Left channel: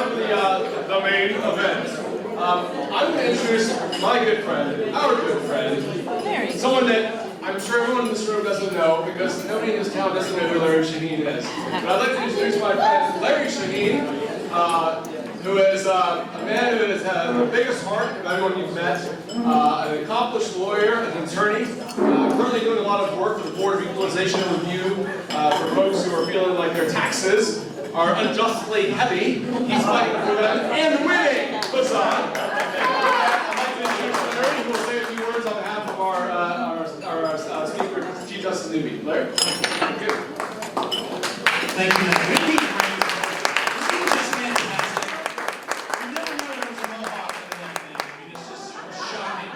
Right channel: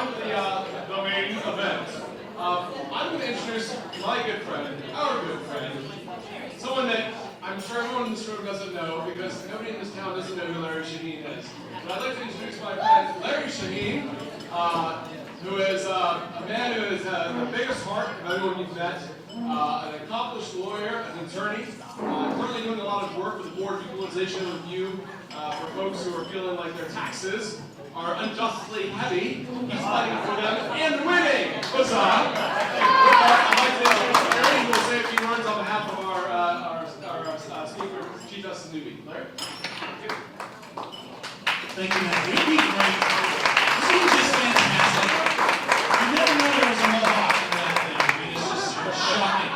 on the main event. I'm going to introduce my good friend, our good friend, someone that I'm sure everyone in this room doesn't know because nobody in this town doesn't know who Larry Shaheen is. But I'd like to introduce my friend Larry Shaheen, who is a man who has had the biggest heart of anyone you've met, an accomplished lawyer, an attorney, currently doing a lot of work for the Board of Equalization and Review for folks who are feeling like their taxes are unjustly heavy. He's fighting for them and winning. What's up? I'd like to introduce Larry, who will say a few words on behalf of our speaker, Chief Justice Newby. Larry? Thank you. Thank you, Matt. This was just fantastic. You never know there was a mohawk in that thing. I mean, it's just shocking.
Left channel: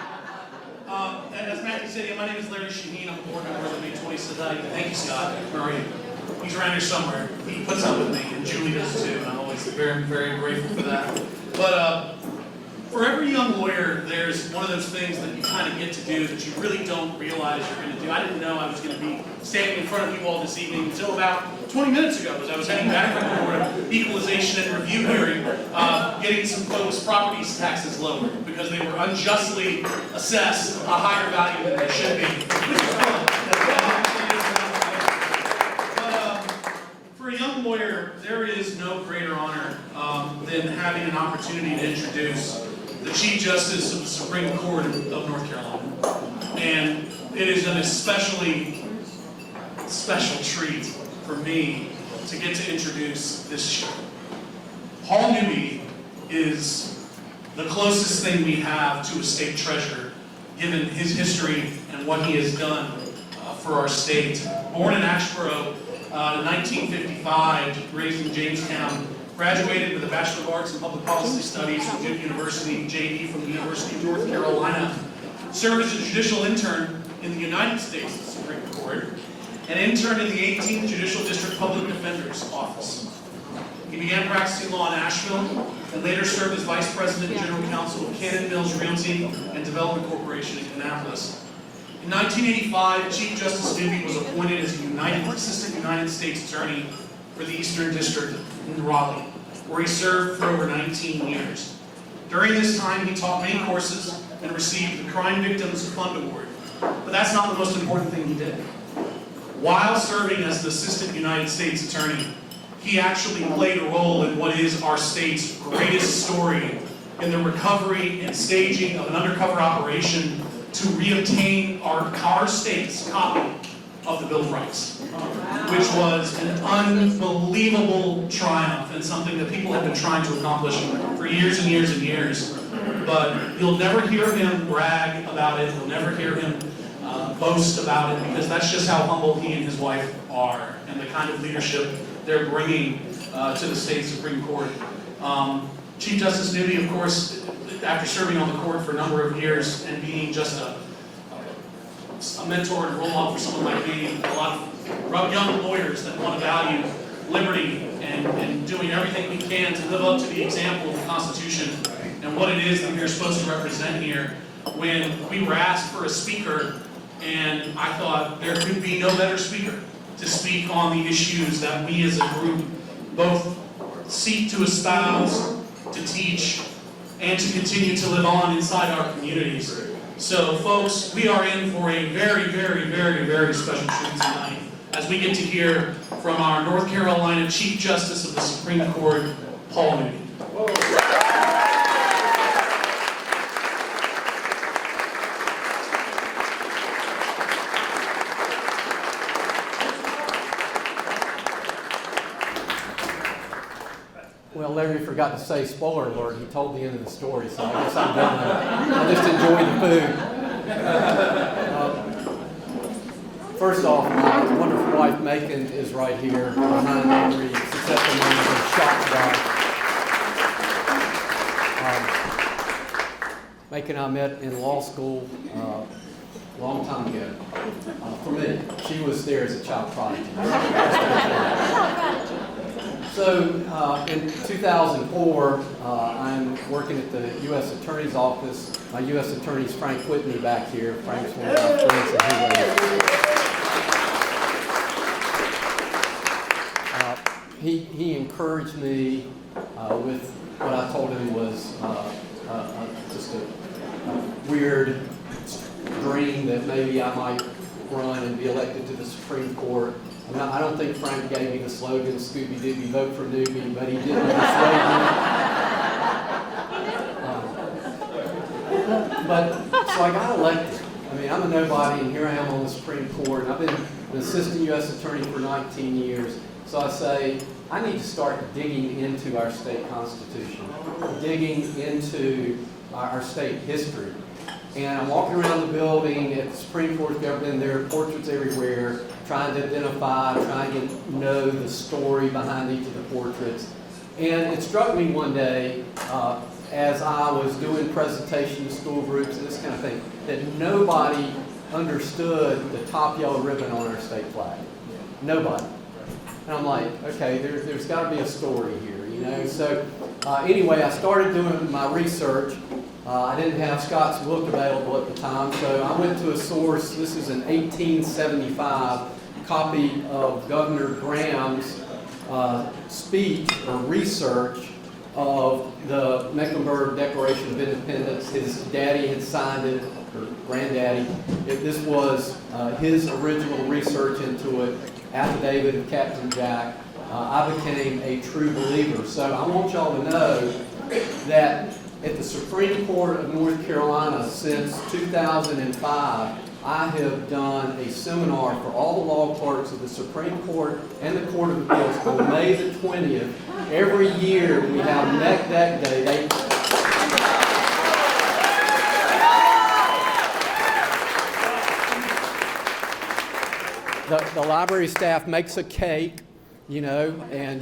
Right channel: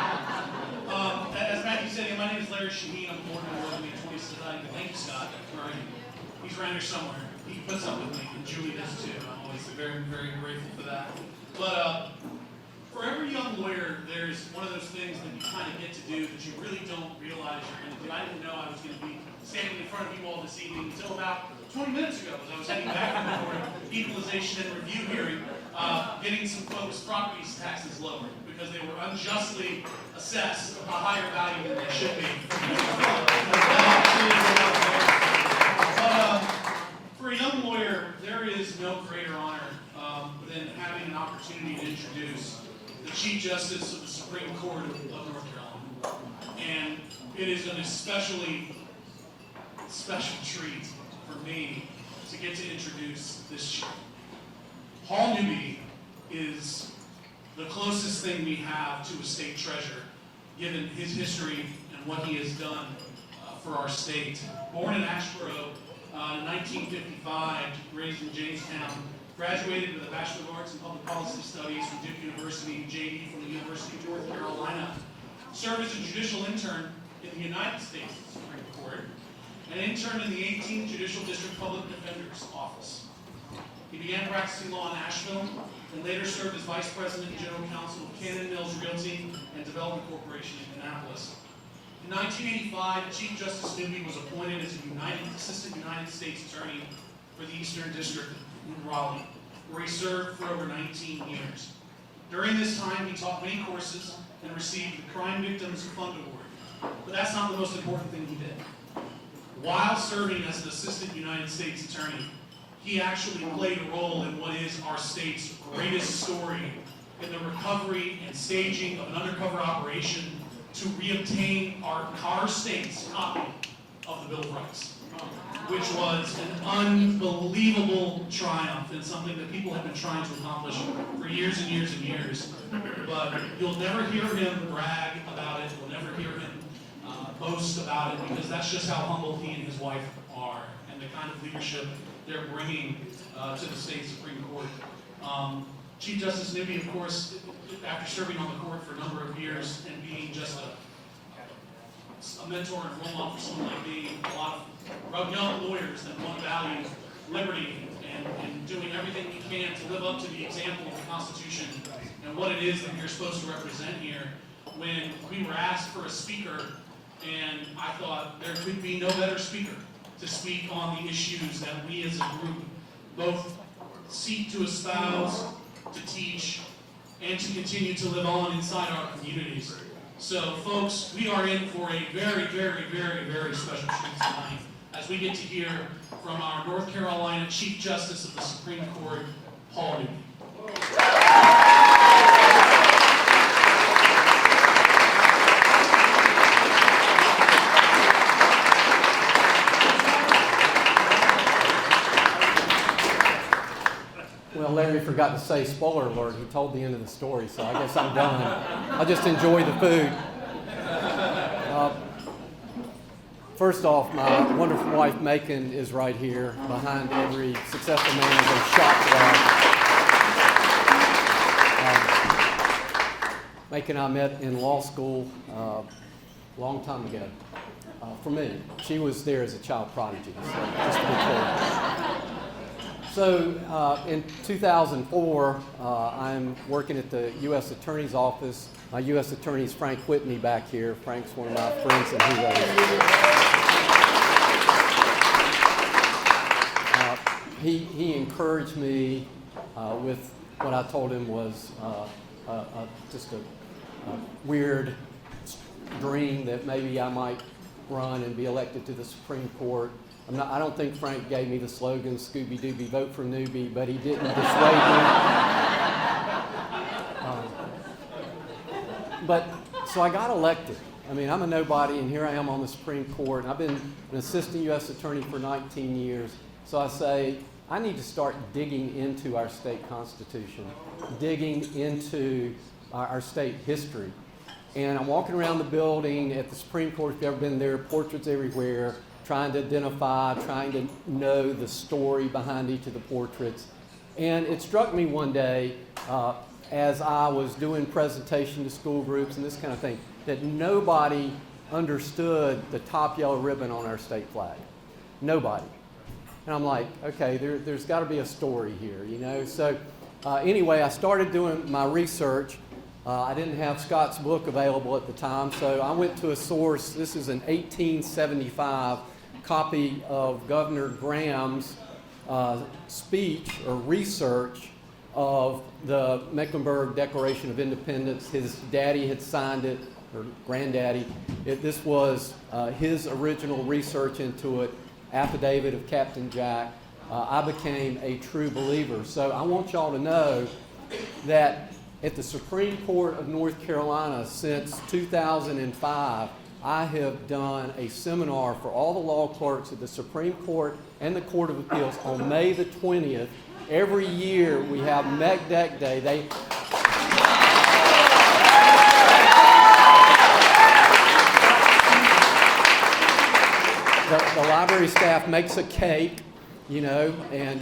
As Matthew said, my name is Larry Shaheen. I'm a board member of the May 20 Society. Thank you, Scott. Where are you? He's around here somewhere. He puts up with me, and Julie does too, and I'm always very, very grateful for that. But for every young lawyer, there's one of those things that you kind of get to do that you really don't realize you're going to do. I didn't know I was going to be standing in front of you all this evening until about 20 minutes ago, as I was heading back from the Board of Equalization and Review hearing, getting some folks' property taxes lowered because they were unjustly assessed a higher value than they should be. Which is fun. For a young lawyer, there is no greater honor than having an opportunity to introduce the Chief Justice of the Supreme Court of North Carolina. And it is an especially special treat for me to get to introduce this. Paul Newby is the closest thing we have to a state treasurer, given his history and what he has done for our state. Born in Asheboro in 1955, raised in Jamestown, graduated with a Bachelor of Arts in Public Policy Studies from Duke University, JD from the University of North Carolina, served as a judicial intern in the United States Supreme Court, and interned in the 18th Judicial District Public Defender's Office. He began practicing law in Asheville, and later served as Vice President and General Counsel of Cannon Mills Realty and Development Corporation in Kannapolis. In 1985, Chief Justice Newby was appointed as Assistant United States Attorney for the Eastern District in Raleigh, where he served for over 19 years. During this time, he taught many courses and received the Crime Victims Fund Award. But that's not the most important thing he did. While serving as the Assistant United States Attorney, he actually played a role in what is our state's greatest story in the recovery and staging of an undercover operation to reobtain our state's copy of the Bill of Rights, which was an unbelievable triumph and something that people have been trying to accomplish for years and years and years. But you'll never hear him brag about it. You'll never hear him boast about it, because that's just how humble he and his wife are and the kind of leadership they're bringing to the state Supreme Court. Chief Justice Newby, of course, after serving on the court for a number of years and being just a mentor and role model for someone like me, a lot of young lawyers that want to value liberty and doing everything we can to live up to the example of the Constitution and what it is that we're supposed to represent here. When we were asked for a speaker, and I thought there could be no better speaker to speak on the issues that we as a group both seek to espouse, to teach, and to continue to live on inside our communities. So folks, we are in for a very, very, very, very special treat tonight as we get to hear from our North Carolina Chief Justice of the Supreme Court, Paul Newby. Well, Larry forgot to say, spoiler alert, he told the end of the story, so I guess I'm done. I just enjoy the food. First off, my wonderful wife, Macon, is right here behind every successful man of a shop job. Macon and I met in law school a long time ago. For me, she was there as a child prodigy, just to be clear. So in 2004, I'm working at the U.S. Attorney's Office. My U.S. Attorney is Frank Whitney back here. Frank's one of my friends and he encouraged me with what I told him was just a weird dream that maybe I might run and be elected to the Supreme Court. I don't think Frank gave me the slogan, Scooby Dooby, vote for Newby, but he didn't dissuade me. So I got elected. I mean, I'm a nobody, and here I am on the Supreme Court, and I've been an assistant U.S. attorney for 19 years. So I say, I need to start digging into our state constitution, digging into our state history. And I'm walking around the building at the Supreme Court, if you've ever been there, portraits everywhere, trying to identify, trying to know the story behind each of the portraits. And it struck me one day, as I was doing presentation to school groups and this kind of thing, that nobody understood the top yellow ribbon on our state flag. Nobody. And I'm like, okay, there's got to be a story here, you know? So anyway, I started doing my research. I didn't have Scott's book available at the time, so I went to a source. This is an 1875 copy of Governor Graham's speech or research of the Mecklenburg Declaration of Independence. His daddy had signed it, or granddaddy. This was his original research into it, affidavit of Captain Jack. I became a true believer. So I want y'all to know that at the Supreme Court of North Carolina since 2005, I have done a seminar for all the law clerks of the Supreme Court and the Court of Appeals on May the 20th. Every year we have Neck Deck Day. The library staff makes a cake, you know, and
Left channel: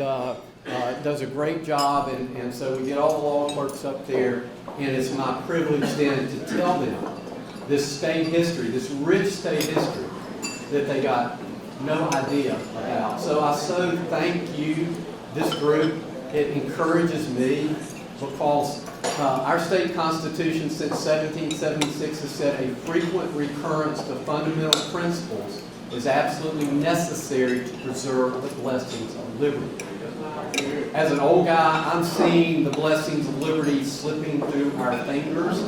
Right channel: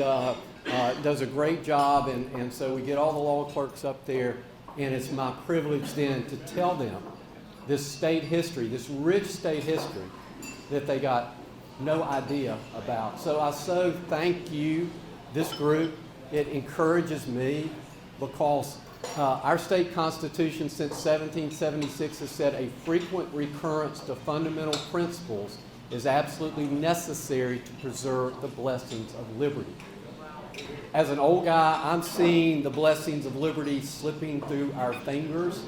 does a great job, and so we get all the law clerks up there, and it's my privilege then to tell them this state history, this rich state history that they got no idea about. So I so thank you, this group. It encourages me because our state constitution since 1776 has said a frequent recurrence to fundamental principles is absolutely necessary to preserve the blessings of liberty. As an old guy, I'm seeing the blessings of liberty slipping through our fingers,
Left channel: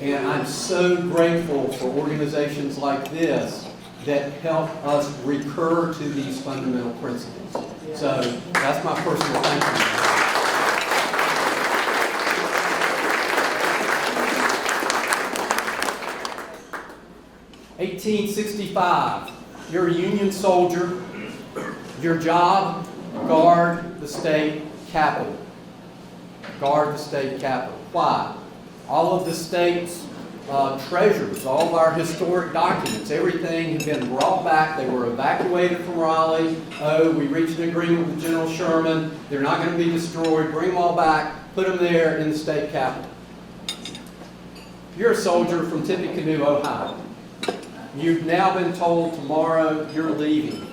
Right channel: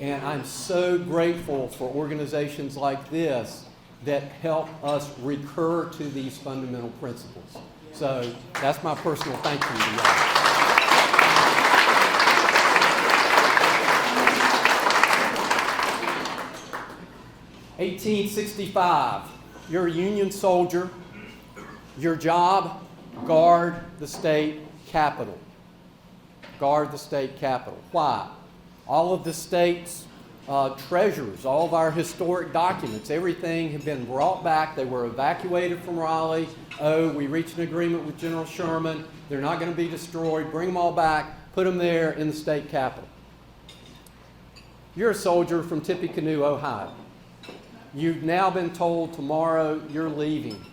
and I'm so grateful for organizations like this that help us recur to these fundamental principles. So that's my personal thank you to y'all. 1865, you're a Union soldier. Your job, guard the state capitol. Guard the state capitol. Why? All of the state's treasures, all of our historic documents, everything had been brought back. They were evacuated from Raleigh. Oh, we reached an agreement with General Sherman. They're not going to be destroyed. Bring them all back. Put them there in the state capitol. You're a soldier from Tippecanoe, Ohio. You've now been told tomorrow you're leaving.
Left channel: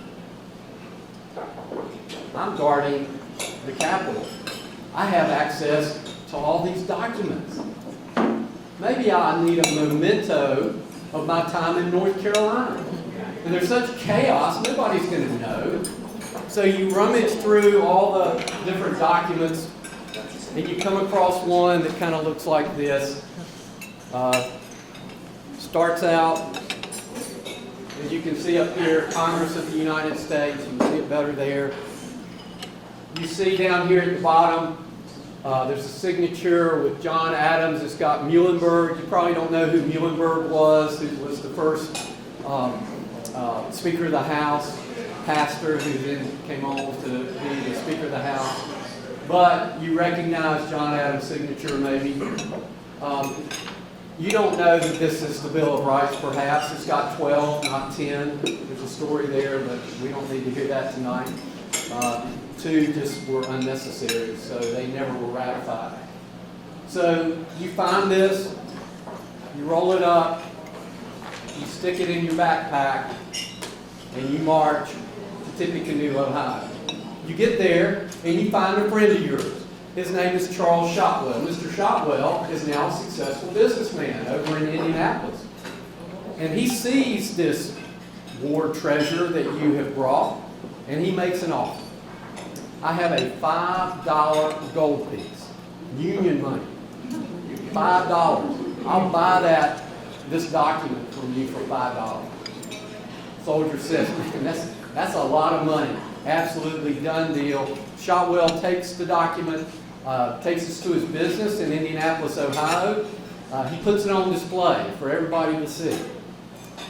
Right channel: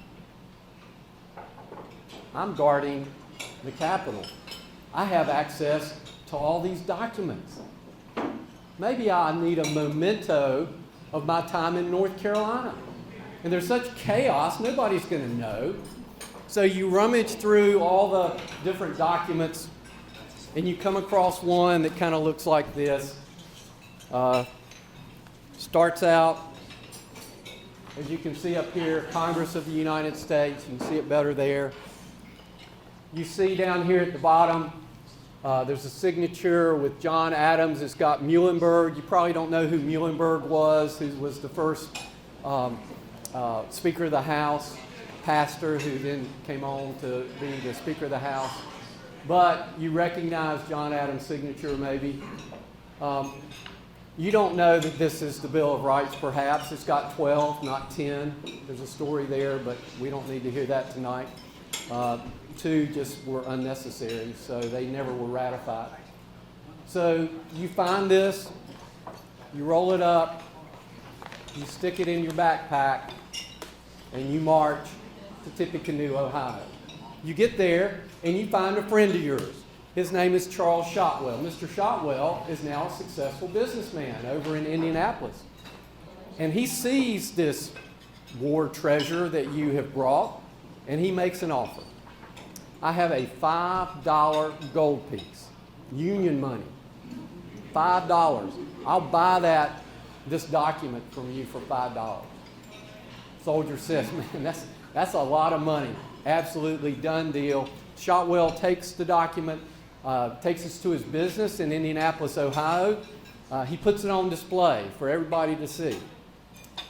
I'm guarding the Capitol. I have access to all these documents. Maybe I need a memento of my time in North Carolina. And there's such chaos, nobody's going to know. So you rummage through all the different documents, and you come across one that kind of looks like this. Starts out, as you can see up here, Congress of the United States. You can see it better there. You see down here at the bottom, there's a signature with John Adams. It's got Muhlenberg. You probably don't know who Muhlenberg was, who was the first Speaker of the House, pastor who then came on to be the Speaker of the House. But you recognize John Adams' signature maybe. You don't know that this is the Bill of Rights, perhaps. It's got 12, not 10. There's a story there, but we don't need to hear that tonight. 2 just were unnecessary, so they never were ratified. So you find this, you roll it up, you stick it in your backpack, and you march to Tippecanoe, Ohio. You get there, and you find a friend of yours. His name is Charles Shotwell. Mr. Shotwell is now a successful businessman over in Indianapolis. And he sees this war treasure that you have brought, and he makes an offer. I have a $5 gold piece, union money, $5. I'll buy this document from you for $5. Soldier says, man, that's a lot of money. Absolutely done deal. Shotwell takes the document, takes us to his business in Indianapolis, Ohio. He puts it on display for everybody to see.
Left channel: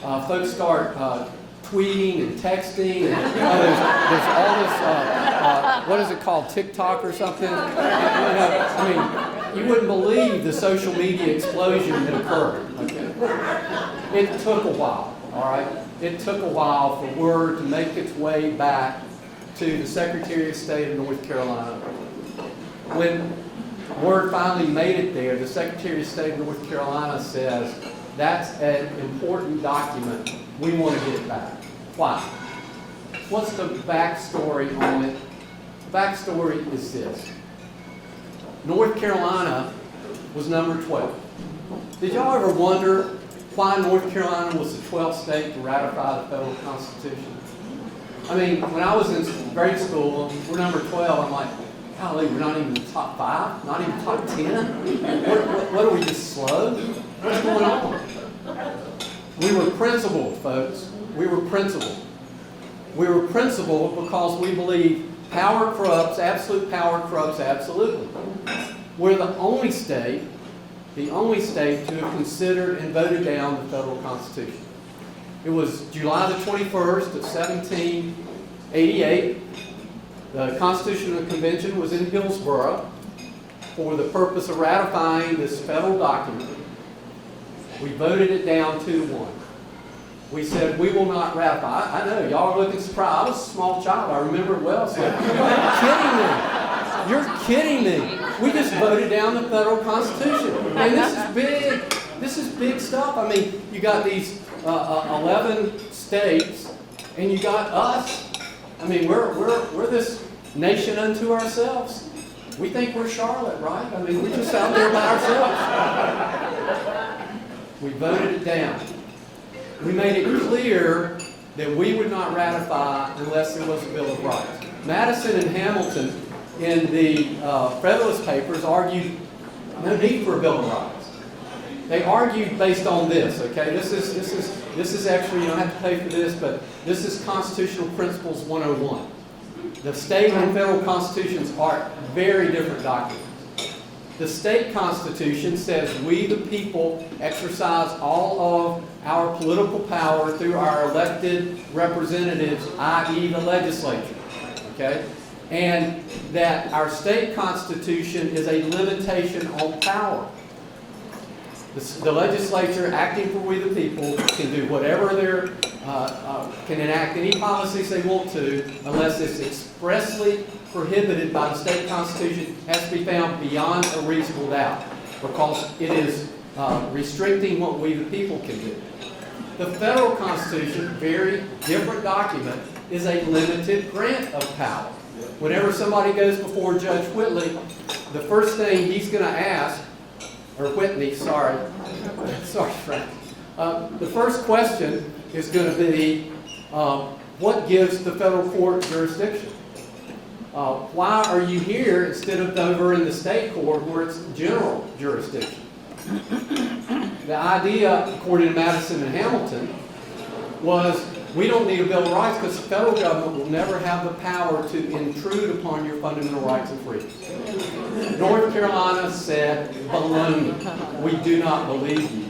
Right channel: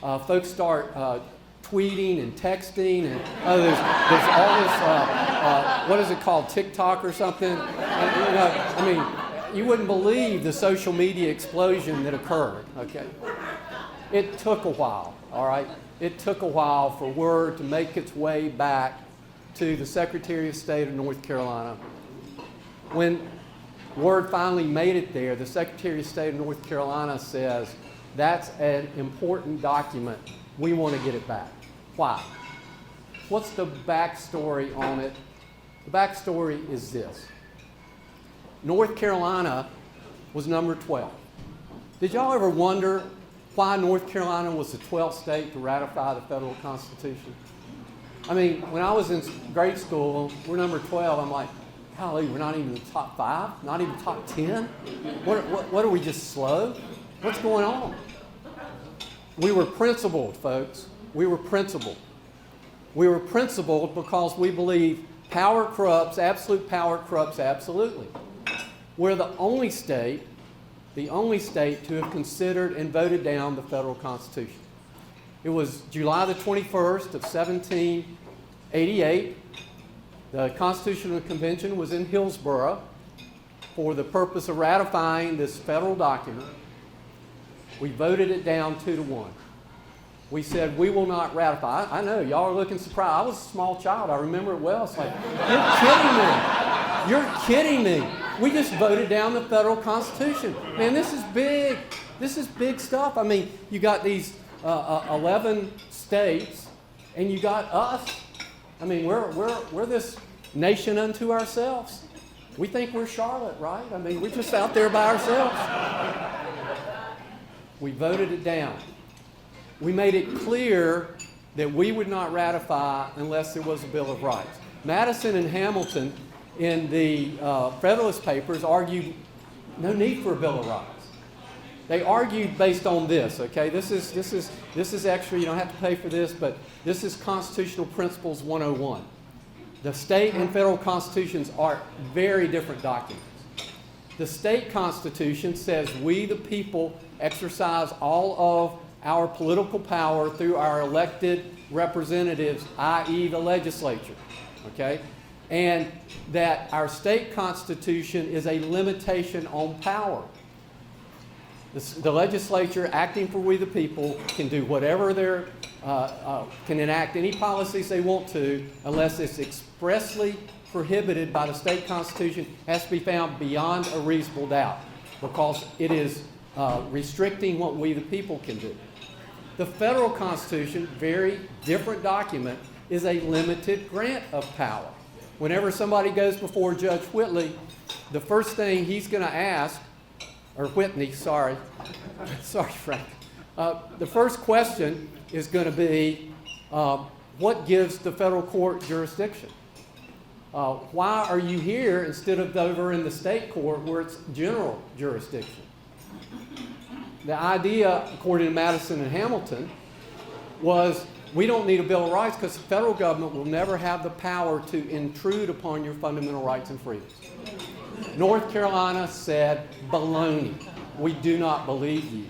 Folks start tweeting and texting, and there's all this, what is it called, TikTok or something? You wouldn't believe the social media explosion that occurred, okay? It took a while, all right? It took a while for word to make its way back to the Secretary of State of North Carolina. When word finally made it there, the Secretary of State of North Carolina says, that's an important document. We want to get it back. Why? What's the backstory on it? The backstory is this. North Carolina was number 12. Did y'all ever wonder why North Carolina was the 12th state to ratify the federal Constitution? I mean, when I was in grade school, we're number 12. I'm like, golly, we're not even in the top 5? Not even top 10? What are we, just slow? What's going on? We were principled, folks. We were principled. We were principled because we believe power corrupts, absolute power corrupts absolutely. We're the only state to have considered and voted down the federal Constitution. It was July the 21st of 1788. The Constitutional Convention was in Hillsborough for the purpose of ratifying this federal document. We voted it down 2-1. We said, we will not ratify. I know, y'all are looking surprised. I was a small child. I remember it well. It's like, you're kidding me. You're kidding me. We just voted down the federal Constitution. And this is big. This is big stuff. I mean, you got these 11 states, and you got us. I mean, we're this nation unto ourselves. We think we're Charlotte, right? I mean, we're just out there by ourselves. We voted it down. We made it clear that we would not ratify unless there was a Bill of Rights. Madison and Hamilton in the Federalist Papers argued no need for a Bill of Rights. They argued based on this, okay? This is actually, you don't have to pay for this, but this is Constitutional Principles 101. The state and federal constitutions are very different documents. The state constitution says we, the people, exercise all of our political power through our elected representatives, i.e. the legislature, okay? And that our state constitution is a limitation on power. The legislature, acting for we the people, can do whatever can enact any policies they want to, unless it's expressly prohibited by the state constitution, has to be found beyond a reasonable doubt, because it is restricting what we the people can do. The federal constitution, very different document, is a limited grant of power. Whenever somebody goes before Judge Whitley, the first thing he's going to ask, or Whitney, sorry, Frank. The first question is going to be, what gives the federal court jurisdiction? Why are you here instead of over in the state court where it's general jurisdiction? The idea, according to Madison and Hamilton, was we don't need a Bill of Rights because the federal government will never have the power to intrude upon your fundamental rights and freedoms. North Carolina said, baloney. We do not believe you.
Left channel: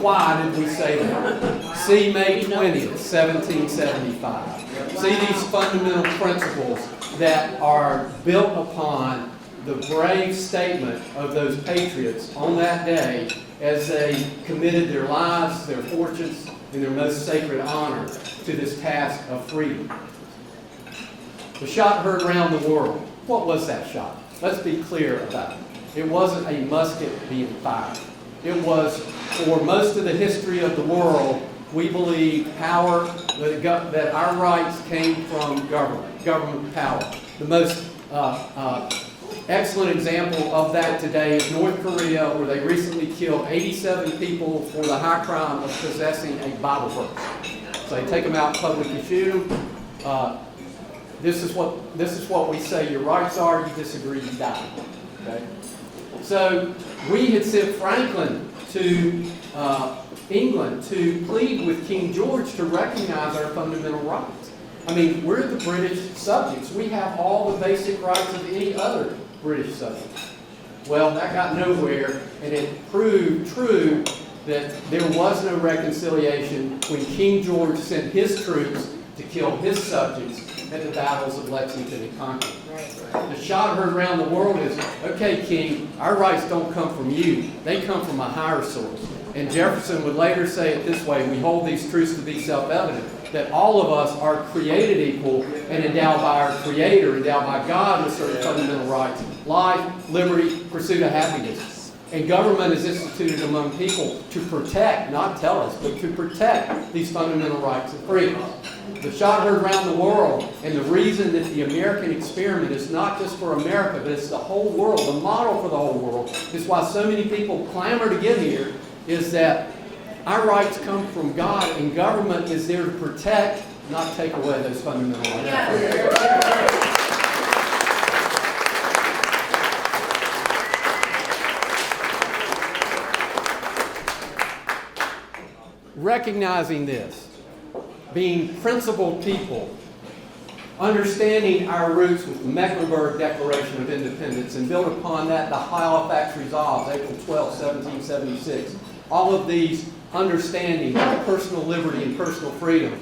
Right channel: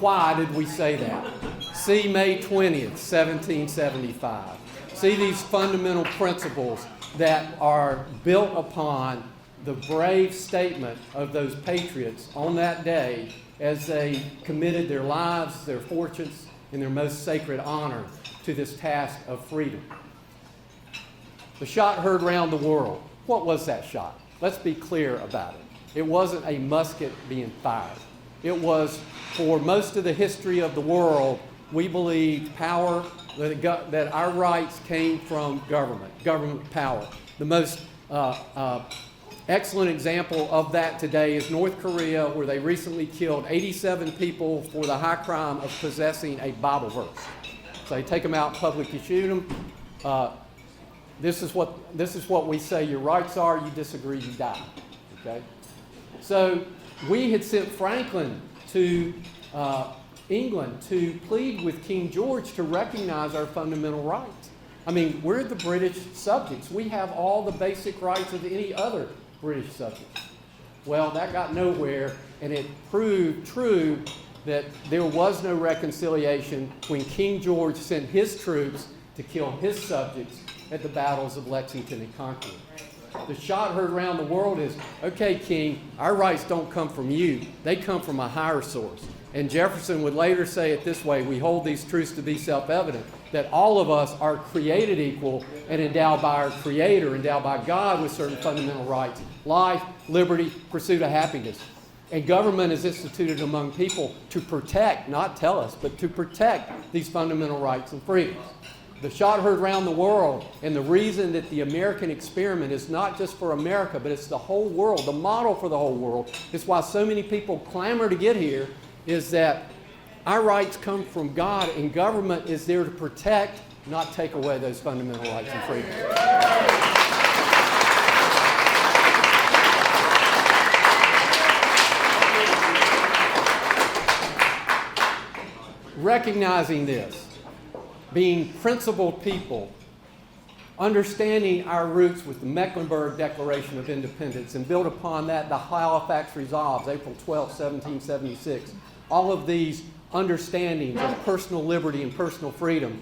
Why did we say that? See May 20th, 1775. See these fundamental principles that are built upon the brave statement of those patriots on that day as they committed their lives, their fortunes, and their most sacred honor to this task of freedom. The shot heard round the world. What was that shot? Let's be clear about it. It wasn't a musket being fired. It was, for most of the history of the world, we believe power, that our rights came from government power. The most excellent example of that today is North Korea, where they recently killed 87 people for the high crime of possessing a Bible verse. So they take them out in public and shoot them. This is what we say your rights are. You disagree, you die. Okay? So we had sent Franklin to England to plead with King George to recognize our fundamental rights. I mean, we're the British subjects. We have all the basic rights of any other British subject. Well, that got nowhere, and it proved true that there was no reconciliation when King George sent his troops to kill his subjects at the battles of Lexington and Concord. The shot heard around the world is, okay, King, our rights don't come from you. They come from a higher source. And Jefferson would later say it this way: we hold these truths to be self-evident, that all of us are created equal and endowed by our Creator, endowed by God with certain fundamental rights: life, liberty, pursuit of happiness. And government is instituted among people to protect, not tell us, but to protect these fundamental rights and freedoms. The shot heard around the world, and the reason that the American experiment is not just for America, but it's the whole world, the model for the whole world, is why so many people clamor to get here, is that our rights come from God, and government is there to protect, not take away those fundamental rights and freedoms. Recognizing this, being principled people, understanding our roots with the Mecklenburg Declaration of Independence, and build upon that the Halifax Resolves, April 12, 1776. All of these understandings of personal liberty and personal freedom.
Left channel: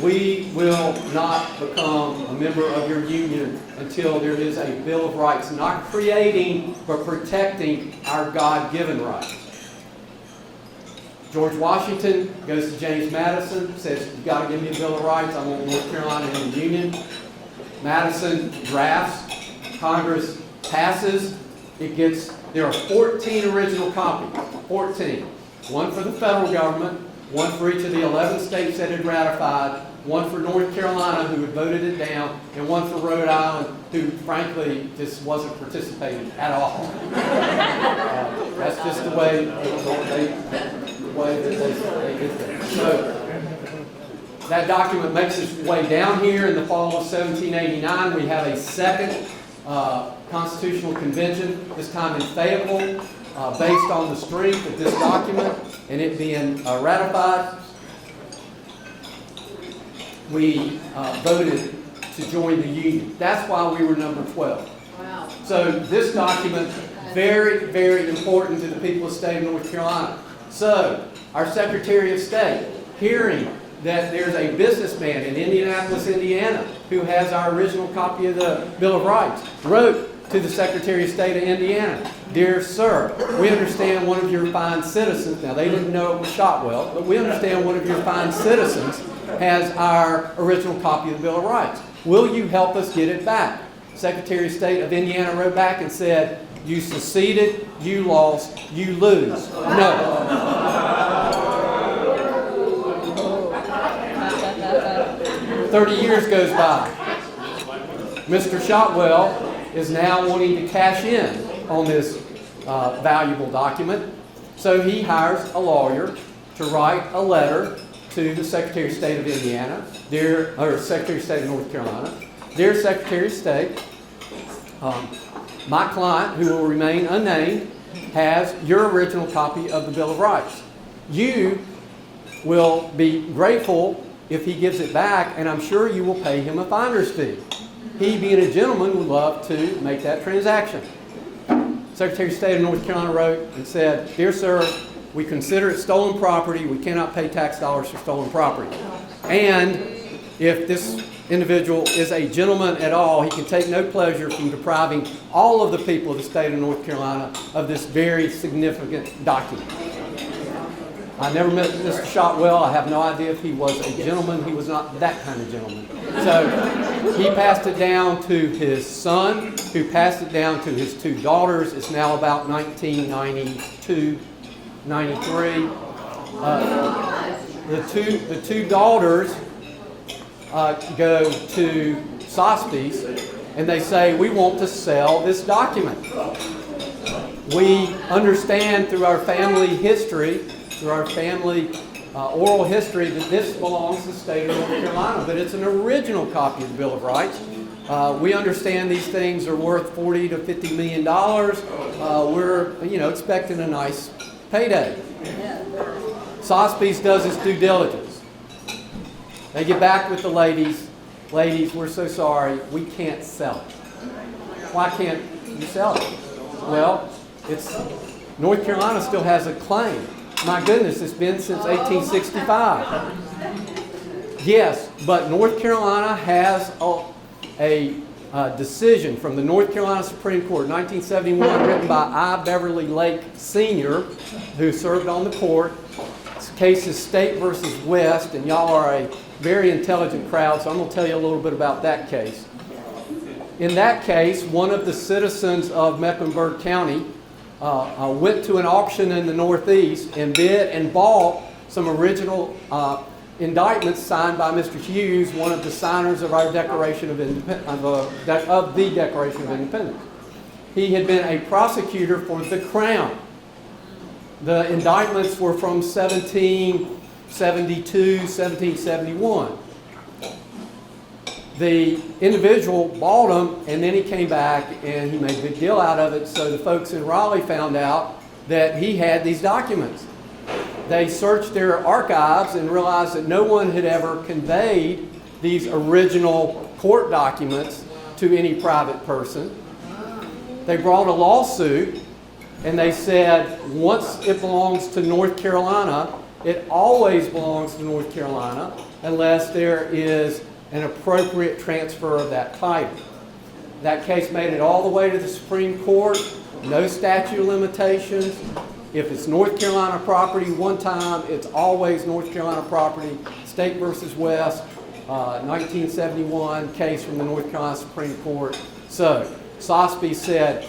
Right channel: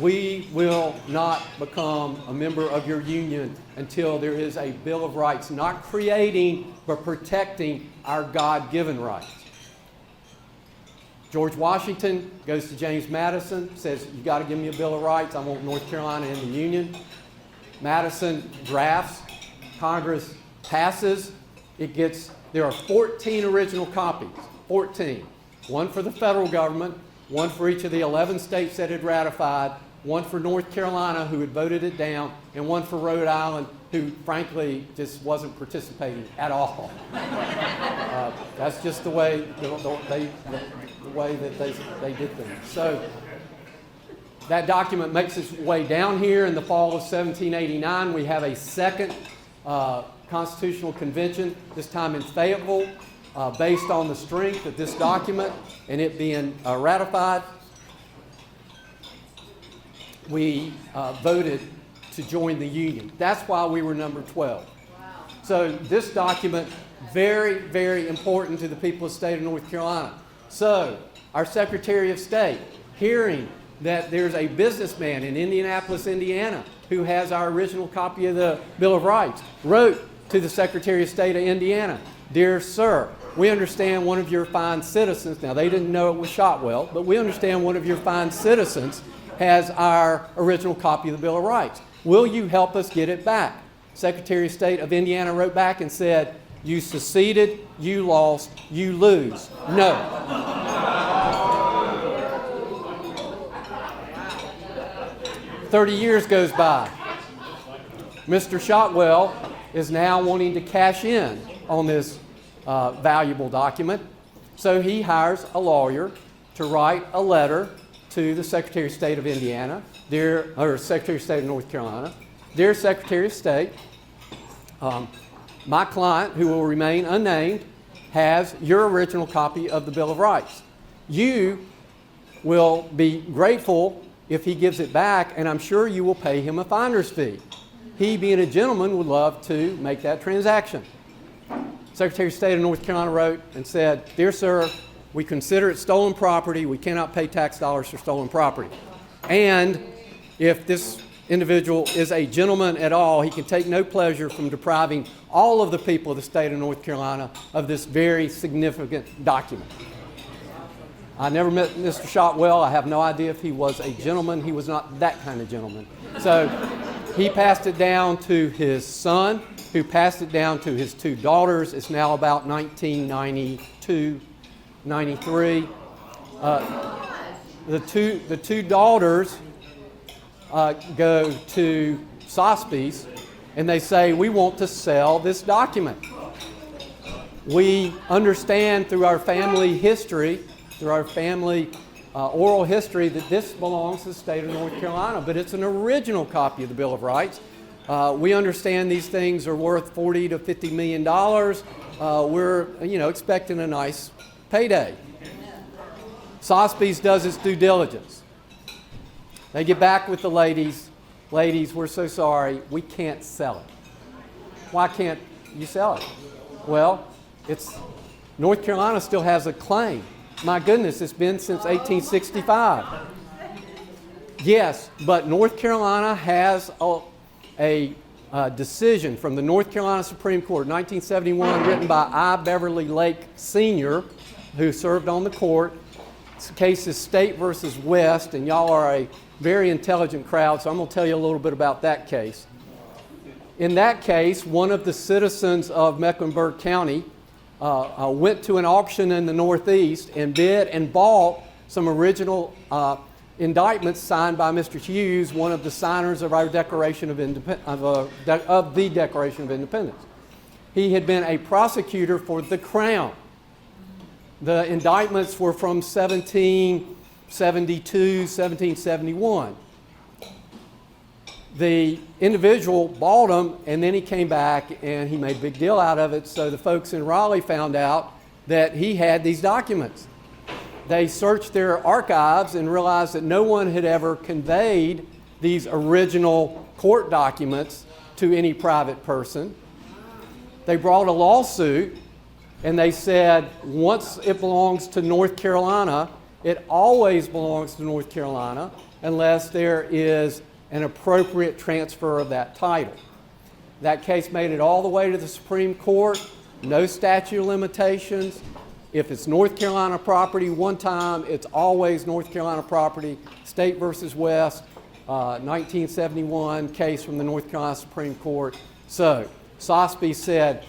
We will not become a member of your union until there is a Bill of Rights, not creating, but protecting our God-given rights. George Washington goes to James Madison, says, you've got to give me a Bill of Rights. I want North Carolina in the Union. Madison drafts. Congress passes. There are 14 original copies. 14. One for the federal government, one for each of the 11 states that had ratified, one for North Carolina, who had voted it down, and one for Rhode Island, who frankly just wasn't participating at all. That's just the way that they did things. So that document makes its way down here in the fall of 1789. We have a second constitutional convention, this time in Fayetteville, based on the strength of this document and it being ratified. We voted to join the Union. That's why we were number 12. Wow. So this document, very, very important to the people of the state of North Carolina. So our Secretary of State, hearing that there's a businessman in Indianapolis, Indiana, who has our original copy of the Bill of Rights, wrote to the Secretary of State of Indiana, "Dear Sir, we understand one of your fine citizens," now they didn't know it was Shotwell, but we understand one of your fine citizens has our original copy of the Bill of Rights. Will you help us get it back? Secretary of State of Indiana wrote back and said, "You seceded, you lost, you lose. No." 30 years goes by. Mr. Shotwell is now wanting to cash in on this valuable document. So he hires a lawyer to write a letter to the Secretary of State of Indiana, Secretary of State of North Carolina. "Dear Secretary of State, my client, who will remain unnamed, has your original copy of the Bill of Rights. You will be grateful if he gives it back, and I'm sure you will pay him a finder's fee. He, being a gentleman, would love to make that transaction." Secretary of State of North Carolina wrote and said, "Dear sir, we consider it stolen property. We cannot pay tax dollars for stolen property. And if this individual is a gentleman at all, he can take no pleasure from depriving all of the people of the state of North Carolina of this very significant document." I never met Mr. Shotwell. I have no idea if he was a gentleman. He was not that kind of gentleman. So he passed it down to his son, who passed it down to his two daughters. It's now about 1992, 93. The two daughters go to Sotheby's and they say, "We want to sell this document. We understand through our family history, through our family oral history that this belongs to the state of North Carolina, but it's an original copy of the Bill of Rights. We understand these things are worth $40 to $50 million. We're, expecting a nice payday. Sotheby's does its due diligence. They get back with the ladies. Ladies, we're so sorry, we can't sell it. Why can't you sell it? Well, North Carolina still has a claim. My goodness, it's been since 1865. Yes, but North Carolina has a decision from the North Carolina Supreme Court, 1971, written by I. Beverly Lake Sr., who served on the court. This case is State versus West, and y'all are a very intelligent crowd, so I'm going to tell you a little bit about that case. In that case, one of the citizens of Mecklenburg County went to an auction in the Northeast and bid and bought some original indictments signed by Mr. Hughes, one of the signers of our Declaration of the Declaration of Independence. He had been a prosecutor for the Crown. The indictments were from 1772, 1771. The individual bought them, and then he came back and he made a big deal out of it. So the folks in Raleigh found out that he had these documents. They searched their archives and realized that no one had ever conveyed these original court documents to any private person. They brought a lawsuit, and they said once it belongs to North Carolina, it always belongs to North Carolina unless there is an appropriate transfer of that title. That case made it all the way to the Supreme Court. No statute of limitations. If it's North Carolina property one time, it's always North Carolina property. State versus West, 1971 case from the North Carolina Supreme Court. So Sotheby's said,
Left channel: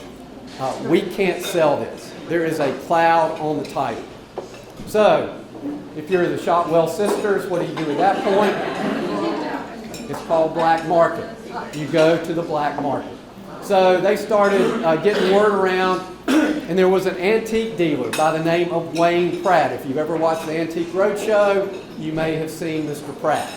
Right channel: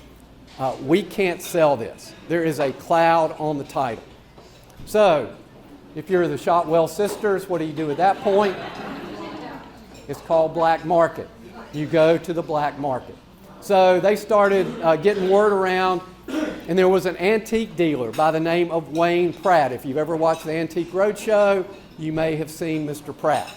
we can't sell this. There is a cloud on the title. So if you're the Shotwell sisters, what do you do at that point? It's called black market. You go to the black market. So they started getting word around, and there was an antique dealer by the name of Wayne Pratt. If you've ever watched the Antique Roadshow, you may have seen Mr. Pratt.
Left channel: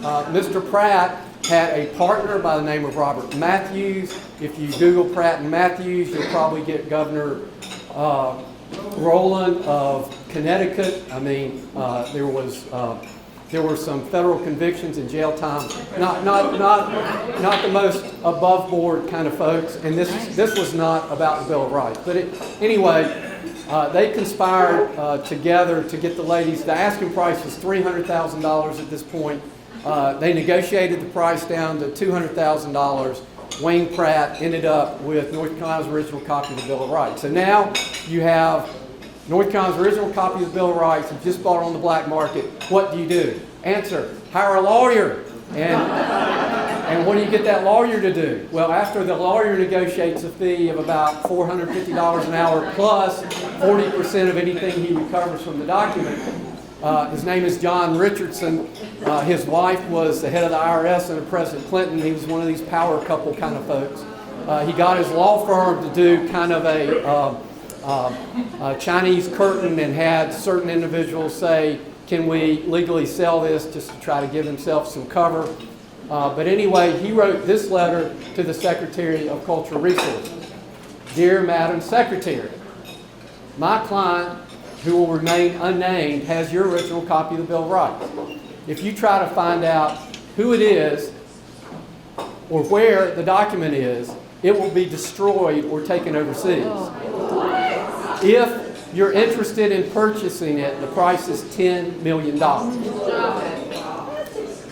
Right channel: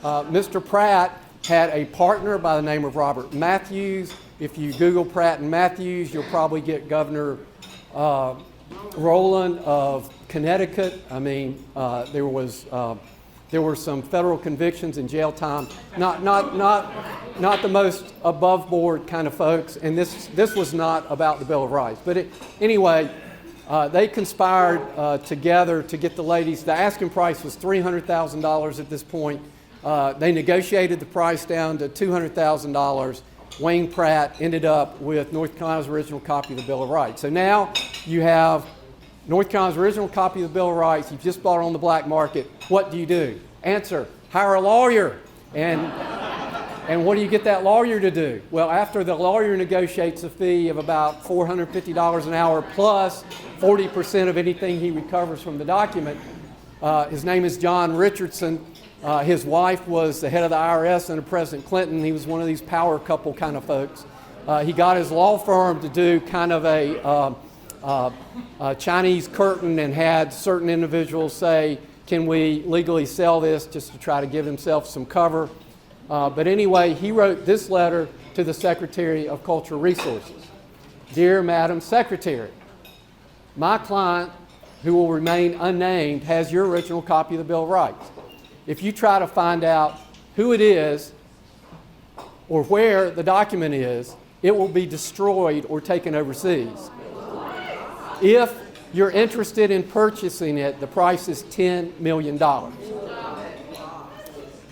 Mr. Pratt had a partner by the name of Robert Matthews. If you Google Pratt and Matthews, you'll probably get Governor Rowland of Connecticut. I mean, there were some federal convictions and jail time. Not the most above board kind of folks. And this was not about the Bill of Rights. But anyway, they conspired together to get the ladies. The asking price was $300,000 at this point. They negotiated the price down to $200,000. Wayne Pratt ended up with North Carolina's original copy of the Bill of Rights. So now you have North Carolina's original copy of the Bill of Rights. You just bought it on the black market. What do you do? Answer, hire a lawyer. And what do you get that lawyer to do? Well, after the lawyer negotiates a fee of about $450 an hour plus 40% of anything he recovers from the document, his name is John Richardson. His wife was the head of the IRS under President Clinton. He was one of these power couple kind of folks. He got his law firm to do kind of a Chinese curtain and had certain individuals say, can we legally sell this, just to try to give himself some cover. But anyway, he wrote this letter to the Secretary of Cultural Resources. Dear Madam Secretary, my client, who will remain unnamed, has your original copy of the Bill of Rights. If you try to find out who it is or where the document is, it will be destroyed or taken overseas. If you're interested in purchasing it, the price is $10 million.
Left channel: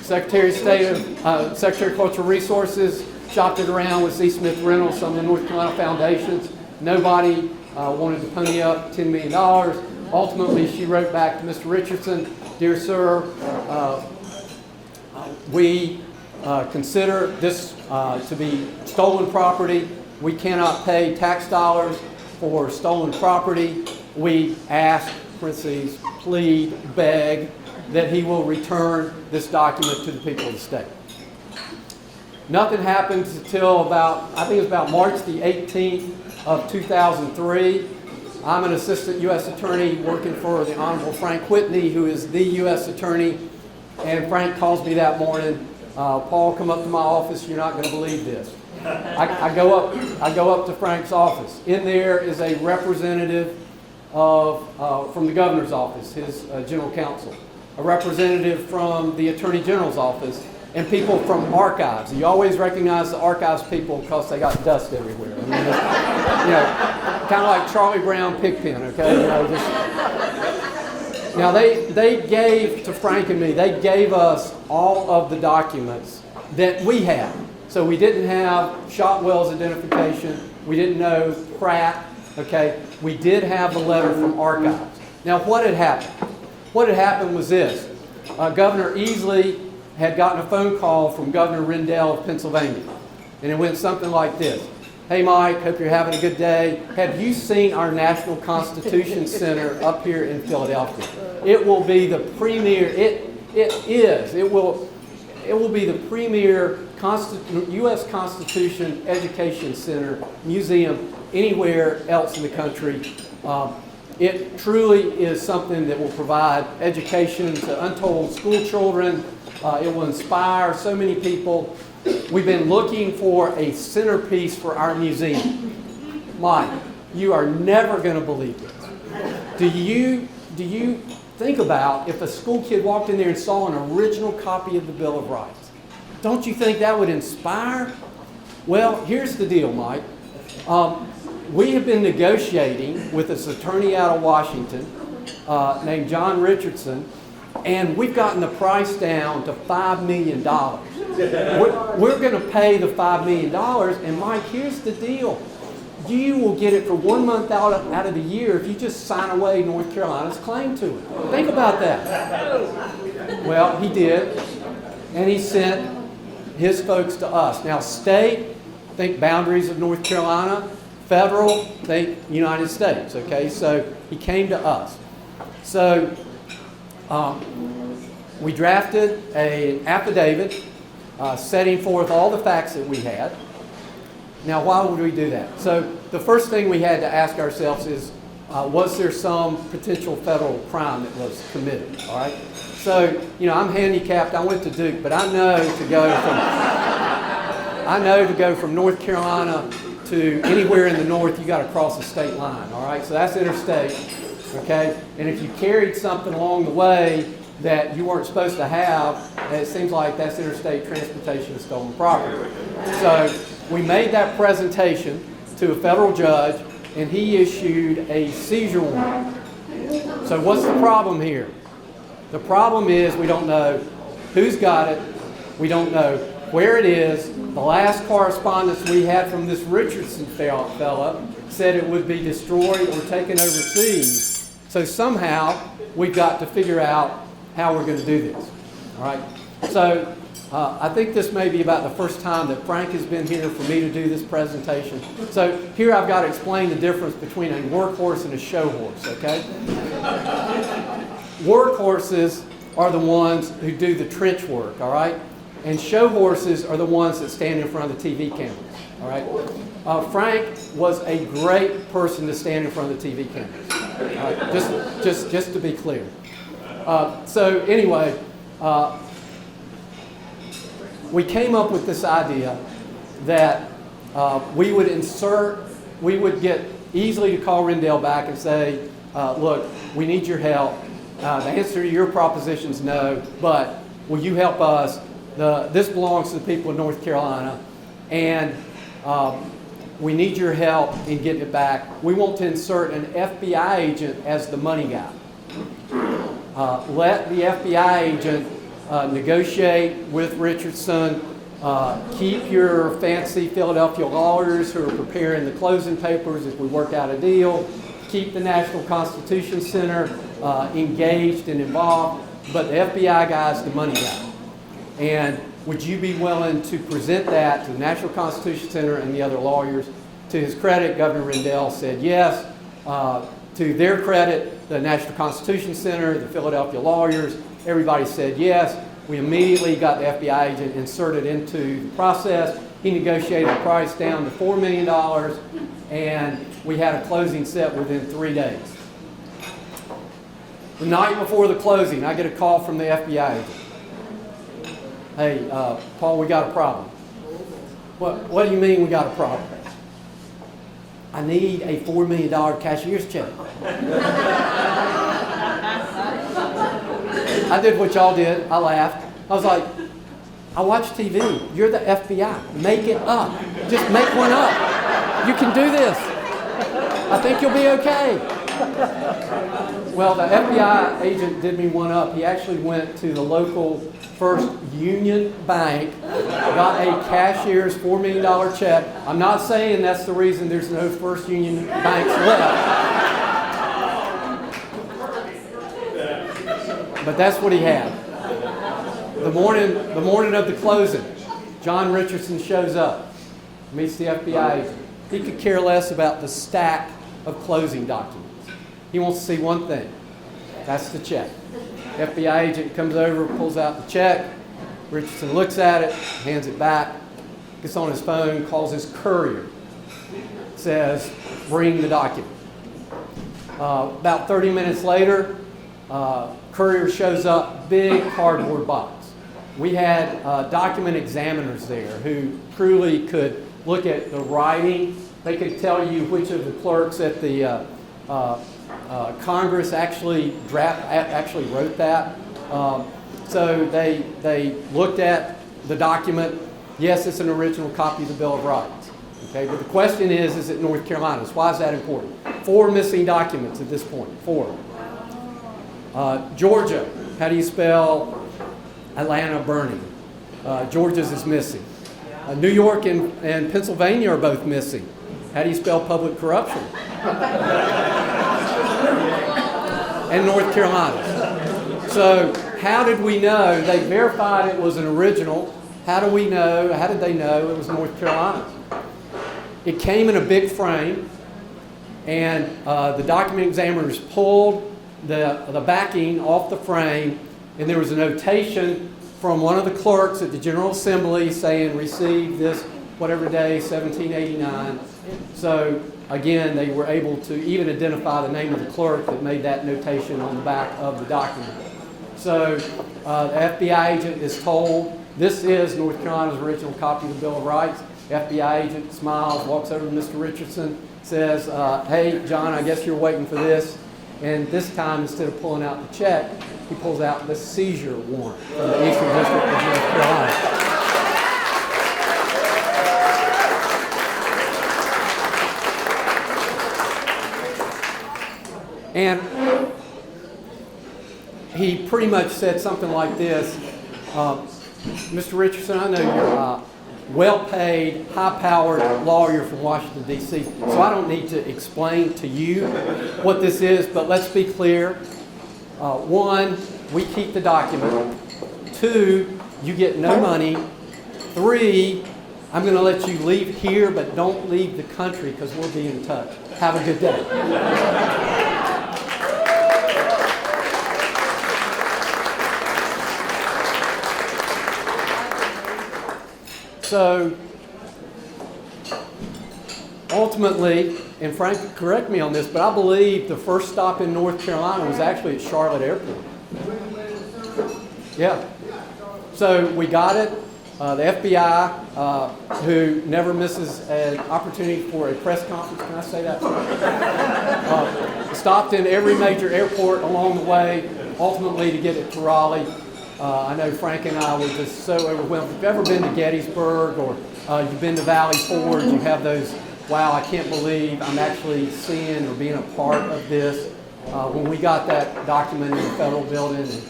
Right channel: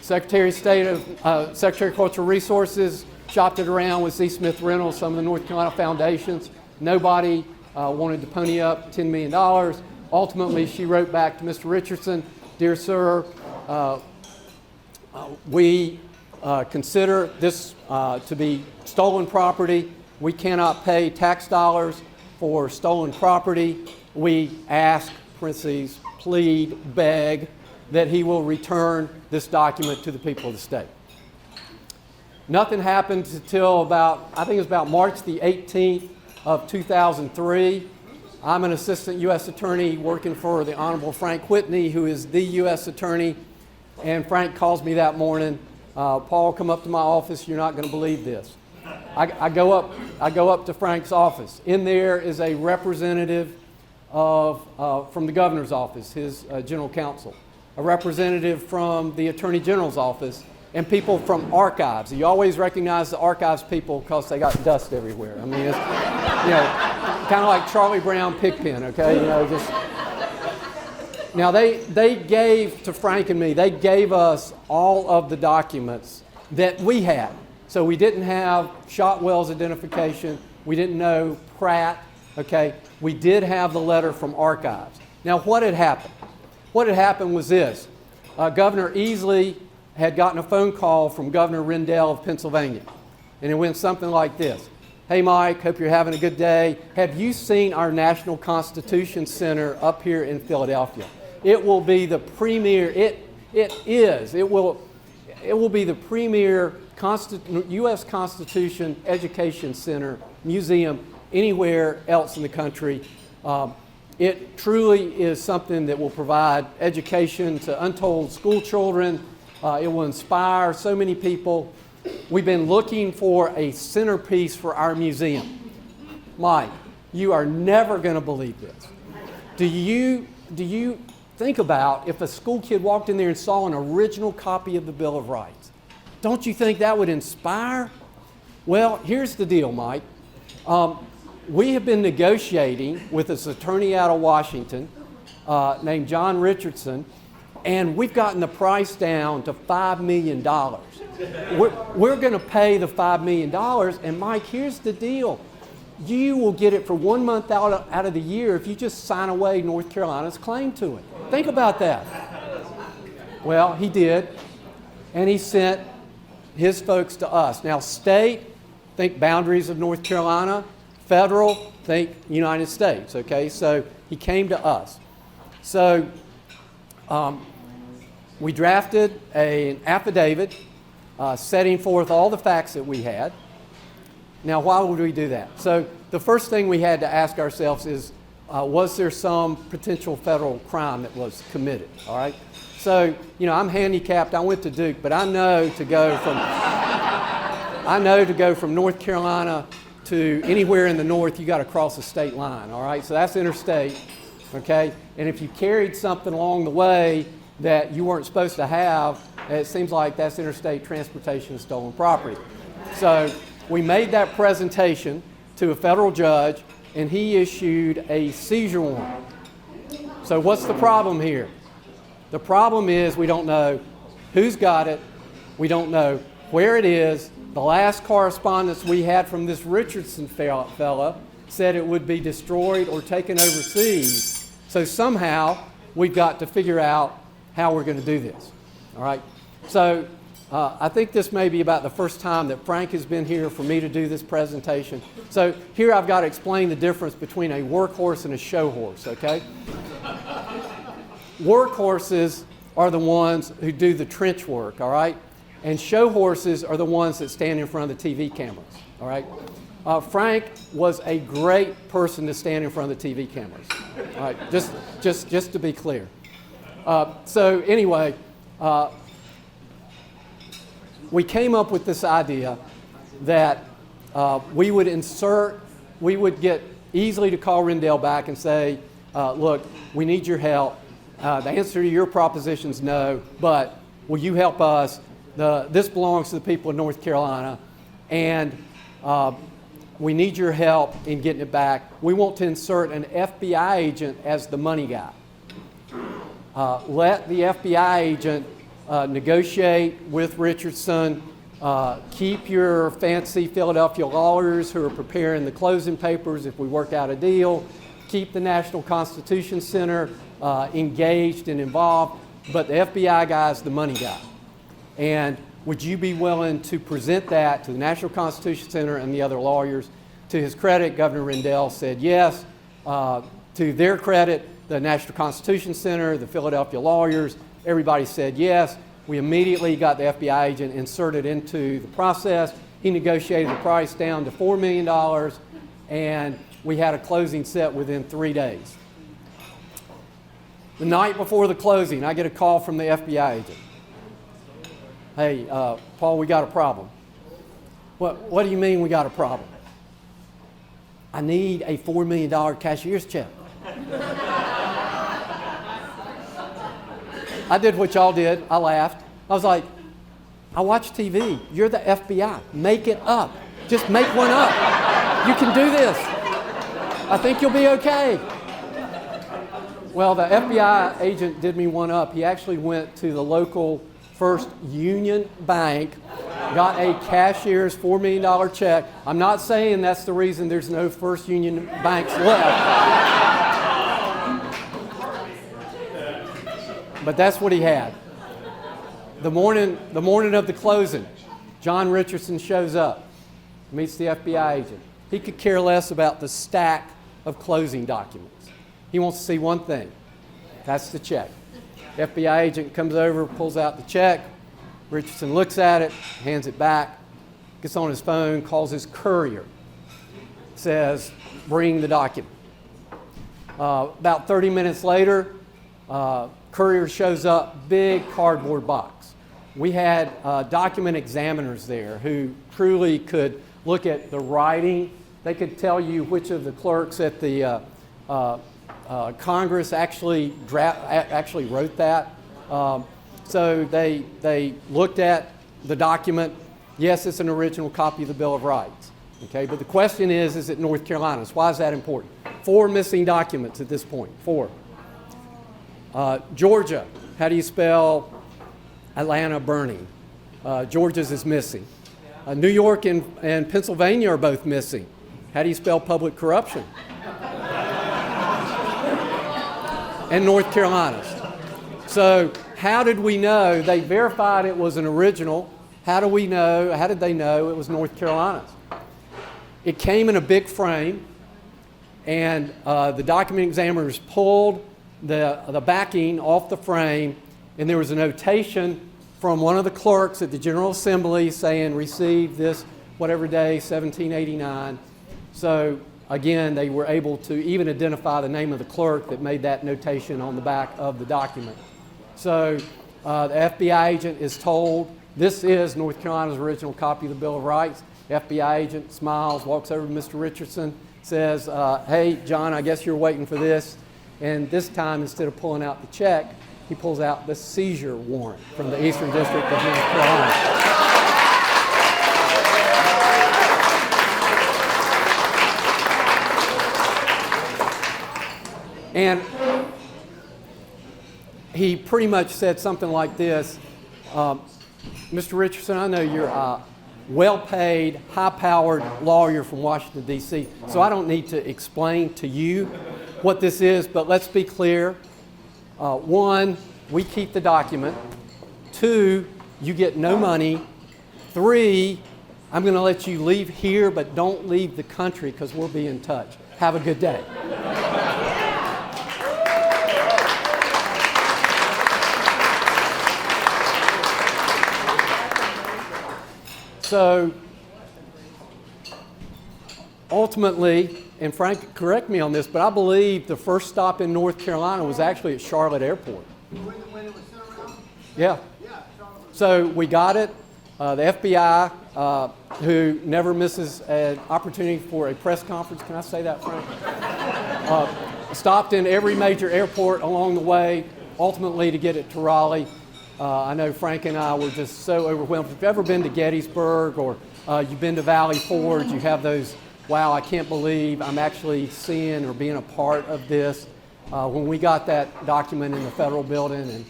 Secretary of Cultural Resources shopped it around with Z. Smith Reynolds, some of the North Carolina foundations. Nobody wanted to pony up $10 million. Ultimately, she wrote back to Mr. Richardson, Dear Sir, we consider this to be stolen property. We cannot pay tax dollars for stolen property. We ask, parentheses, plead, beg, that he will return this document to the people of the state. Nothing happened until I think it was about March the 18th of 2003. I'm an assistant U.S. attorney working for the Honorable Frank Whitney, who is the U.S. attorney. And Frank calls me that morning, Paul, come up to my office. You're not going to believe this. I go up to Frank's office. In there is a representative from the governor's office, his general counsel, a representative from the attorney general's office, and people from archives. You always recognize the archives people because they got dust everywhere. I mean, it's, kind of like Charlie Brown Pigpen, okay? Now they gave to Frank and me, they gave us all of the documents that we had. So we didn't have Shotwell's identification. We didn't know Pratt, okay? We did have the letter from archives. Now what had happened? What had happened was this. Governor Easley had gotten a phone call from Governor Rendell of Pennsylvania. And it went something like this. Hey Mike, hope you're having a good day. Have you seen our National Constitution Center up here in Philadelphia? It will be the premier, it will be the premier U.S. Constitution Education Center, museum, anywhere else in the country. It truly is something that will provide education to untold school children. It will inspire so many people. We've been looking for a centerpiece for our museum. Mike, you are never going to believe this. Do you think about if a school kid walked in there and saw an original copy of the Bill of Rights? Don't you think that would inspire? Well, here's the deal, Mike. We have been negotiating with this attorney out of Washington named John Richardson, and we've gotten the price down to $5 million. We're going to pay the $5 million, and Mike, here's the deal. You will get it for 1 month out of the year if you just sign away North Carolina's claim to it. Think about that. Well, he did, and he sent his folks to us. Now, state, think boundaries of North Carolina. Federal, think United States, okay? So he came to us. So we drafted an affidavit setting forth all the facts that we had. Now, why would we do that? So the first thing we had to ask ourselves is, was there some potential federal crime that was committed, all right? So, I'm handicapped. I went to Duke, but I know to go from North Carolina to anywhere in the north, you got to cross a state line, all right? So that's interstate, okay? And if you carried something along the way that you weren't supposed to have, it seems like that's interstate transportation of stolen property. So we made that presentation to a federal judge, and he issued a seizure warrant. So what's the problem here? The problem is we don't know who's got it. We don't know where it is. The last correspondence we had from this Richardson fella said it would be destroyed or taken overseas. So somehow we've got to figure out how we're going to do this. All right. So I think this may be about the first time that Frank has been here for me to do this presentation. So here I've got to explain the difference between a workhorse and a show horse, okay? Workhorses are the ones who do the trench work, all right? And show horses are the ones that stand in front of the TV cameras, all right? Frank was a great person to stand in front of the TV cameras, all right? Just to be clear. So anyway, we came up with this idea that we would get Easley to call Rendell back and say, look, we need your help. The answer to your proposition is no, but will you help us? This belongs to the people of North Carolina, and we need your help in getting it back. We want to insert an FBI agent as the money guy. Let the FBI agent negotiate with Richardson. Keep your fancy Philadelphia lawyers who are preparing the closing papers if we work out a deal. Keep the National Constitution Center engaged and involved, but the FBI guy is the money guy. And would you be willing to present that to the National Constitution Center and the other lawyers? To his credit, Governor Rendell said yes. To their credit, the National Constitution Center, the Philadelphia lawyers, everybody said yes. We immediately got the FBI agent inserted into the process. He negotiated the price down to $4 million, and we had a closing set within 3 days. The night before the closing, I get a call from the FBI agent. Hey, Paul, we got a problem. What do you mean we got a problem? I need a $4 million cashier's check. I did what y'all did. I laughed. I was like, I watch TV. You're the FBI. Make it up. Just make one up. You can do this. I think you'll be okay. Well, the FBI agent did me one up. He actually went to the local First Union Bank, got a cashier's $4 million check. I'm not saying that's the reason there's no First Union banks left. But that's what he had. The morning of the closing, John Richardson shows up, meets the FBI agent. He could care less about the stack of closing documents. He wants to see one thing. That's the check. FBI agent comes over, pulls out the check. Richardson looks at it, hands it back, gets on his phone, calls his courier, says, bring the document. About 30 minutes later, courier shows up, big cardboard box. We had document examiners there who truly could look at the writing. They could tell you which of the clerks at the Congress actually wrote that. So they looked at the document. Yes, it's an original copy of the Bill of Rights. Okay, but the question is it North Carolina? Why is that important? 4 missing documents at this point. 4. Georgia, how do you spell Atlanta burning? Georgia's is missing. New York and Pennsylvania are both missing. How do you spell public corruption? And North Carolina's. So how did we know? They verified it was an original. How do we know? How did they know it was North Carolina's? It came in a big frame, and the document examiners pulled the backing off the frame, and there was a notation from one of the clerks at the General Assembly saying, received this whatever day, 1789. So again, they were able to even identify the name of the clerk that made that notation on the back of the document. So the FBI agent is told, this is North Carolina's original copy of the Bill of Rights. The FBI agent smiles, walks over to Mr. Richardson, says, hey, John, I guess you're waiting for this. And this time, instead of pulling out the check, he pulls out the seizure warrant from the Eastern District of North Carolina. And he pretty much said something like this, Mr. Richardson, I know you're a well-paid, high-powered lawyer from Washington, D.C., so I don't need to explain to you what this is, but let's be clear. 1, we keep the document. 2, you get no money. 3, I'm going to let you leave here, but don't leave the country because we'll be in touch. Have a good day. So ultimately, and Frank, correct me on this, but I believe the first stop in North Carolina was actually at Charlotte Airport. Yeah. So we got it. The FBI, who never misses an opportunity for a press conference, can I say that, Frank? Stopped in every major airport along the way, ultimately to get it to Raleigh. I know Frank and I were just so overwhelmed. If you've ever been to Gettysburg or you've been to Valley Forge, you have those, wow, I can't believe I'm actually seeing or being a part of this. When we got that document in the federal building, and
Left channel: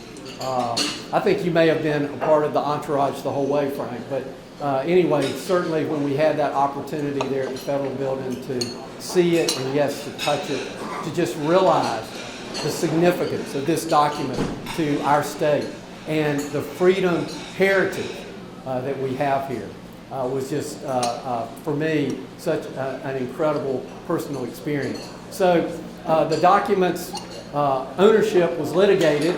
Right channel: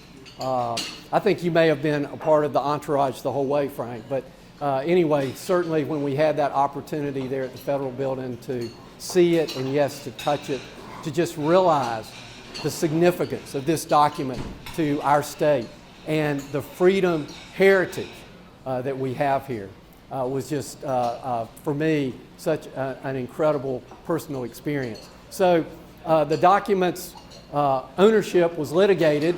I think you may have been a part of the entourage the whole way, Frank. But anyway, certainly when we had that opportunity there at the federal building to see it and yes, to touch it, to just realize the significance of this document to our state and the freedom heritage that we have here was just, for me, such an incredible personal experience. So the document's ownership was litigated,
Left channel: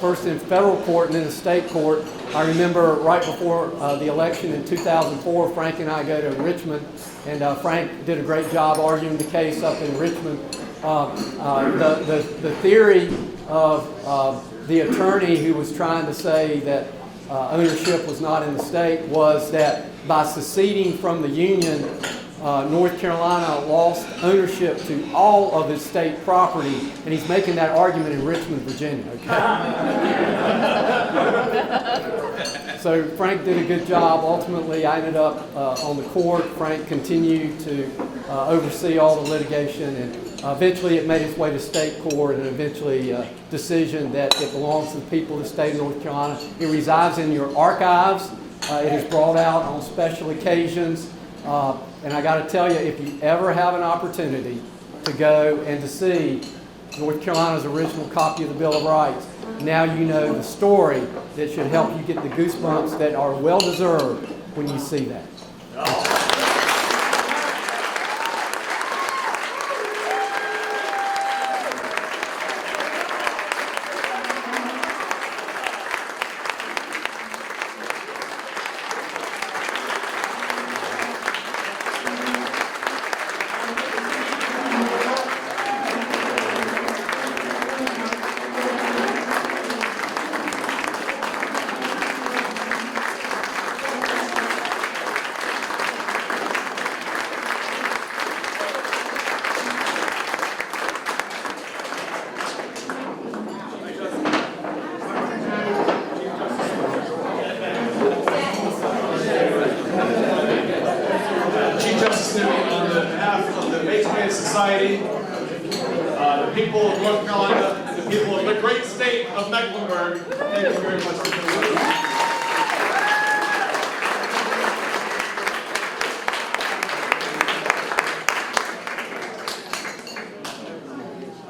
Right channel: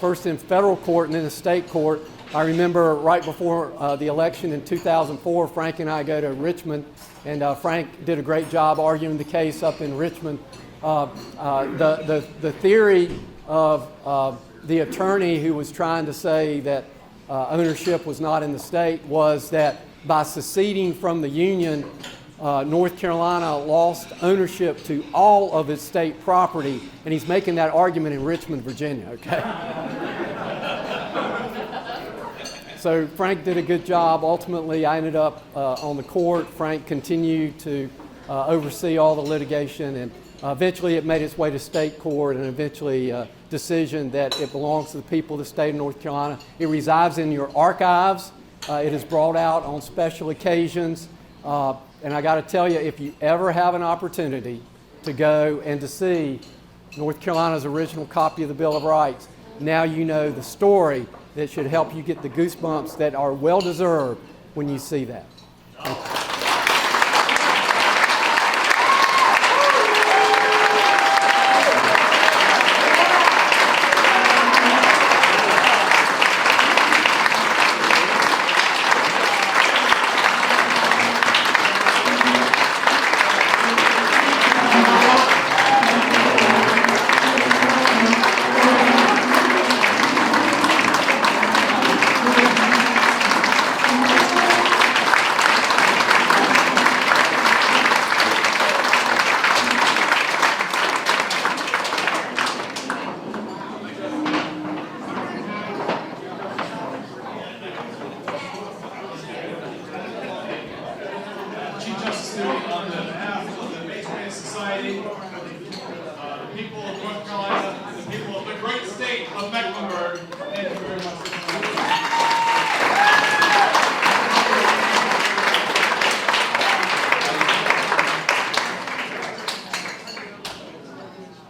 first in federal court and then in state court. I remember right before the election in 2004, Frank and I go to Richmond, and Frank did a great job arguing the case up in Richmond. The theory of the attorney who was trying to say that ownership was not in the state was that by seceding from the Union, North Carolina lost ownership to all of its state property, and he's making that argument in Richmond, Virginia, okay? So Frank did a good job. Ultimately, I ended up on the court. Frank continued to oversee all the litigation, and eventually it made its way to state court, and eventually a decision that it belongs to the people of the state of North Carolina. It resides in your archives. It is brought out on special occasions. And I got to tell you, if you ever have an opportunity to go and to see North Carolina's original copy of the Bill of Rights, now you know the story that should help you get the goosebumps that are well deserved when you see that. Justice Newby, on behalf of the Masonry Society, the people of North Carolina, and the people of the great state of Mecklenburg, thank you very much for coming.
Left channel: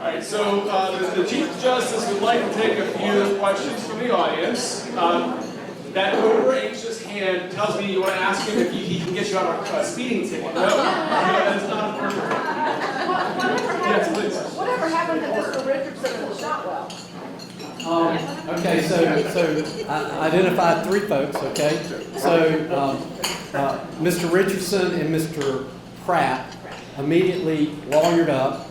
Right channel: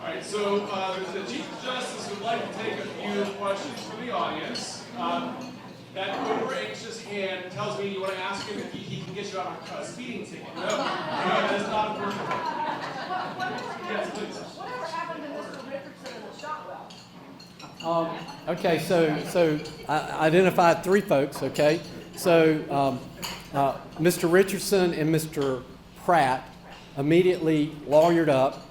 All right, so the Chief Justice would like to take a few questions from the audience. That over-anxious hand tells me you want to ask him if he can get you out of a speeding ticket. No, that's not a perfect. Yes, please. Whatever happened to Mr. Richardson and the Shotwell? Okay, so I identified three folks, okay? So Mr. Richardson and Mr. Pratt immediately lawyered up.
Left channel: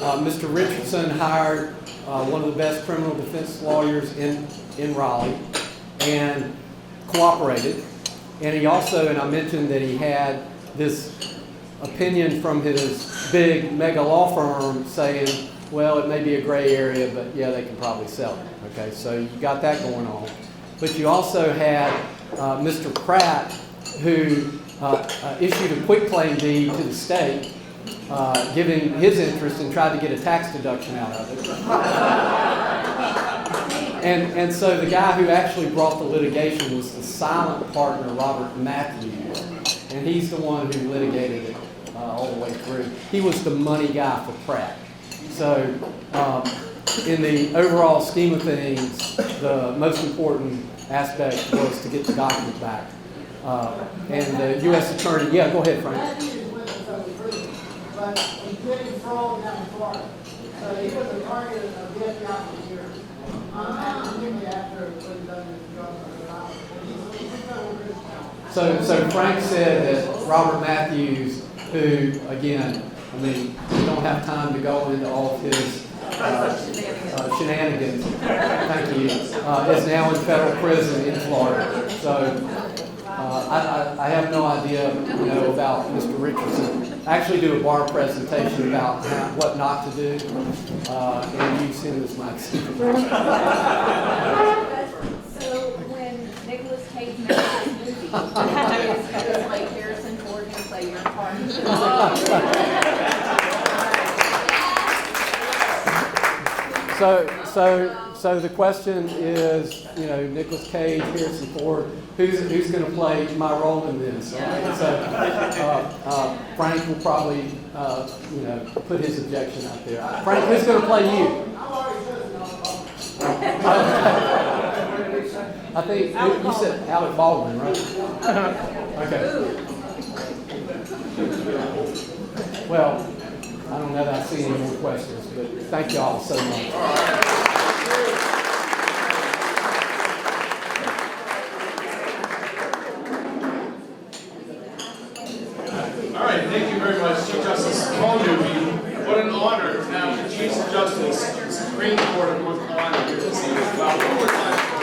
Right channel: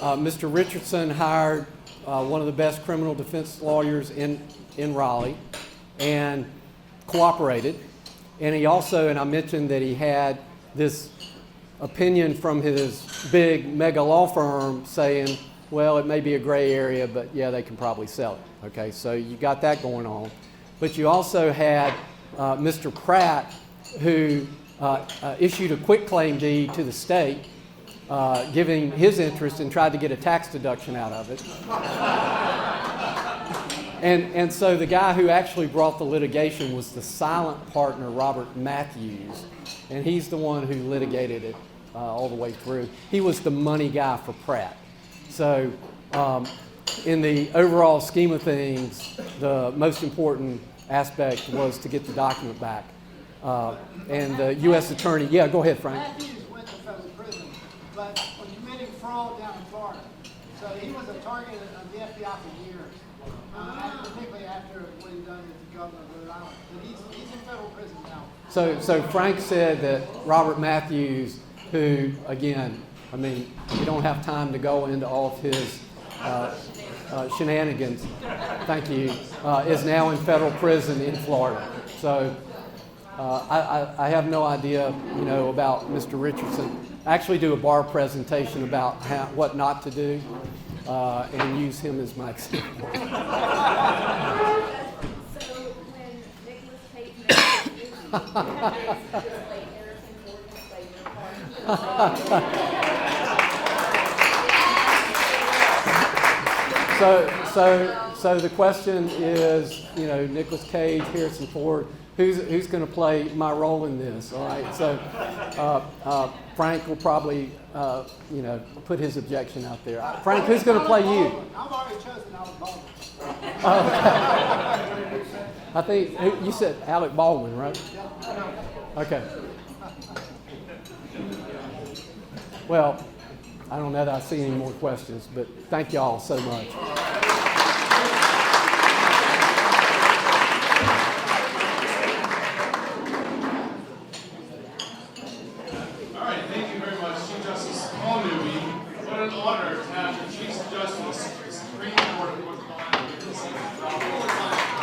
Mr. Richardson hired one of the best criminal defense lawyers in Raleigh and cooperated. And he also, and I mentioned that he had this opinion from his big mega law firm saying, well, it may be a gray area, but yeah, they can probably sell it. Okay, so you got that going on. But you also had Mr. Pratt, who issued a quitclaim deed to the state, giving his interest and tried to get a tax deduction out of it. And so the guy who actually brought the litigation was the silent partner, Robert Matthews, and he's the one who litigated it all the way through. He was the money guy for Pratt. So in the overall scheme of things, the most important aspect was to get the document back. And the U.S. Attorney, yeah, go ahead, Frank. But he committed fraud down in Florida. So he was a target of the FBI for years. Immediately after it was done in the drug and he's in federal prison now. So Frank said that Robert Matthews, who, again, I mean, we don't have time to go into all of his shenanigans, thank you, is now in federal prison in Florida. So I have no idea, about Mr. Richardson. I actually do a bar presentation about what not to do and use him as my example. So when Nicolas Cage married his movie, just like Harrison Ford and play your part. So the question is, Nicolas Cage, Harrison Ford, who's going to play my role in this? All right. So Frank will probably, put his objection out there. Frank, who's going to play you? I think you said Alec Baldwin, right? Okay. Well, I don't know that I see any more questions, but thank you all so much. All right, thank you very much, Chief Justice Paul Newby. What an honor to have the Chief Justice of the Supreme Court of North Carolina here this evening. Well,